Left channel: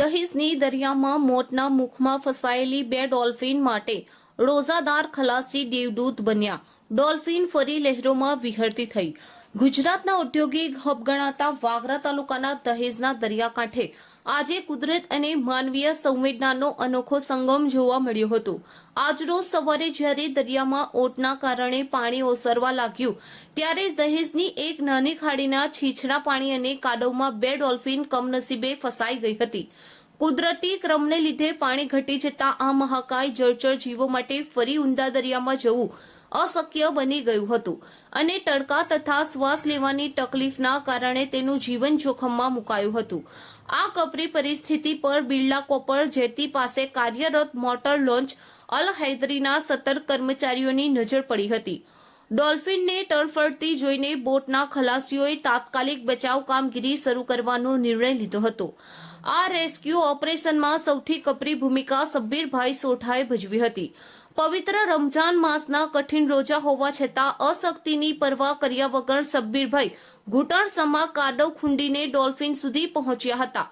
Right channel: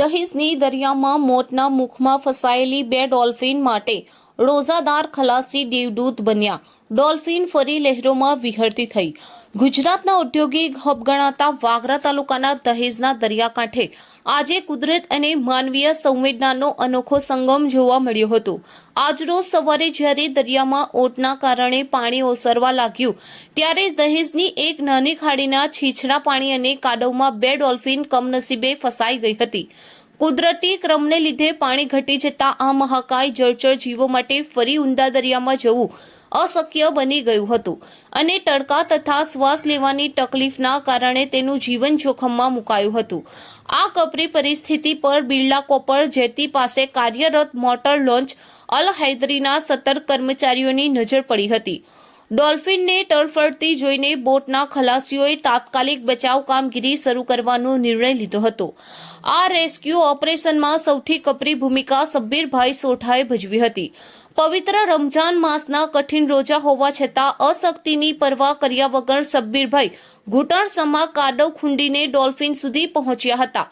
દહેજની દરિયામાં મોતના મુખમાં ફસાયેલી 2 ડોલ્ફિન માટે રોઝાદાર ખલાસી દેવદૂત બન્યા. ડોલ્ફિન ફરી લહેરોમાં વિહરતી થઈ. ગુજરાતના ઔદ્યોગિક હબ ગણાતા વાગરા તાલુકાના દહેજના દરિયાકાંઠે આજે કુદરત અને માનવીય સંવેદનાનો અનોખો સંગમ જોવા મળ્યો હતો. આજરોજ સવારે જ્યારે દરિયામાં ઓટના કારણે પાણી ઓસરવા લાગ્યું ત્યારે દહેજની એક નાની ખાડીના છીછરા પાણી અને કાદવમાં 2 ડોલ્ફિન કમનસીબે ફસાઈ ગઈ હતી. કુદરતી ક્રમને લીધે પાણી ઘટી જતા આ મહાકાય જળચર જીવો માટે ફરી ઊંડા દરિયામાં જવું અશક્ય બની ગયું હતું અને તડકા તથા શ્વાસ લેવાની તકલીફના કારણે તેનું જીવન જોખમમાં મુકાયું હતું. આ કપરી પરિસ્થિતિ પર બિરલા કોપર જેટી પાસે કાર્યરત મોટર લોન્ચ અલ હૈદરીના સતર્ક કર્મચારીઓની નજર પડી હતી. ડોલ્ફિનને તડફડતી જોઈને બોટના ખલાસીઓએ તાત્કાલિક બચાવ કામગીરી શરૂ કરવાનો નિર્ણય લીધો હતો. આ રેસ્ક્યુ ઓપરેશનમાં સૌથી કપરી ભૂમિકા સબ્બીરભાઈ સોઢાએ ભજવી હતી. પવિત્ર રમજાન માસના કઠિન રોજા હોવા છતાં અશક્તિની પરવા કર્યા વગર સબ્બીરભાઈ ઘૂંટણસમા કાદવ ખૂંદીને ડોલ્ફિન સુધી પહોંચ્યા હતા.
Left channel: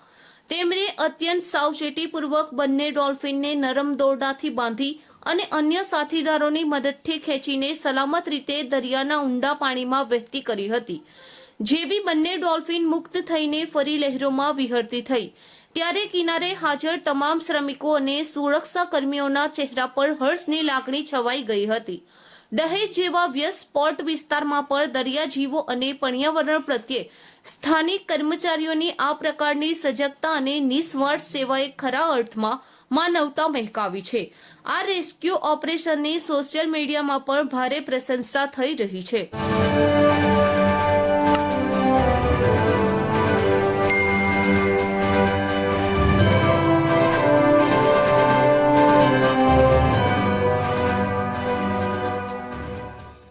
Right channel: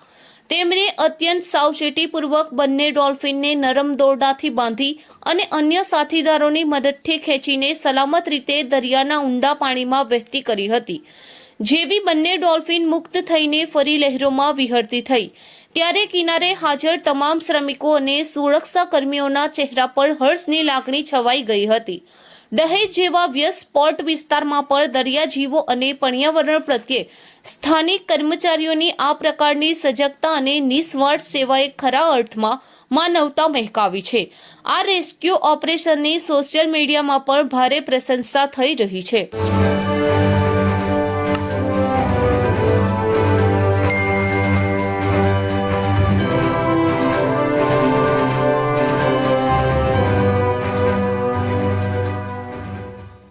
તેમણે અત્યંત સાવચેતીપૂર્વક બંને ડોલ્ફિનને નરમ દોરડાથી બાંધી અને અન્ય સાથીદારોની મદદથી ખેંચીને સલામત રીતે દરિયાના ઊંડા પાણીમાં વહેતી કરી હતી. જેવી બંને ડોલ્ફિન મુક્ત થઈને ફરી લહેરોમાં વિહરતી થઈ ત્યારે કિનારે હાજર તમામ શ્રમિકો અને સુરક્ષા કર્મીઓના ચહેરા પર હર્ષની લાગણી છવાઈ ગઈ હતી. દહેજ જેવા વ્યસ્ત પોર્ટ વિસ્તારમાં પણ દરિયાજીવો અને પર્યાવરણ પ્રત્યે સ્થાનિક કર્મચારીઓની આ પ્રકારની સજગતા અને નિસ્વાર્થ સેવાએ ખરા અર્થમાં માનવતા મહેકાવી છે. આ રેસ્ક્યુ ઓપરેશનની સોશિયલ મીડિયામાં પણ ભારે પ્રશંસા થઈ રહી છે.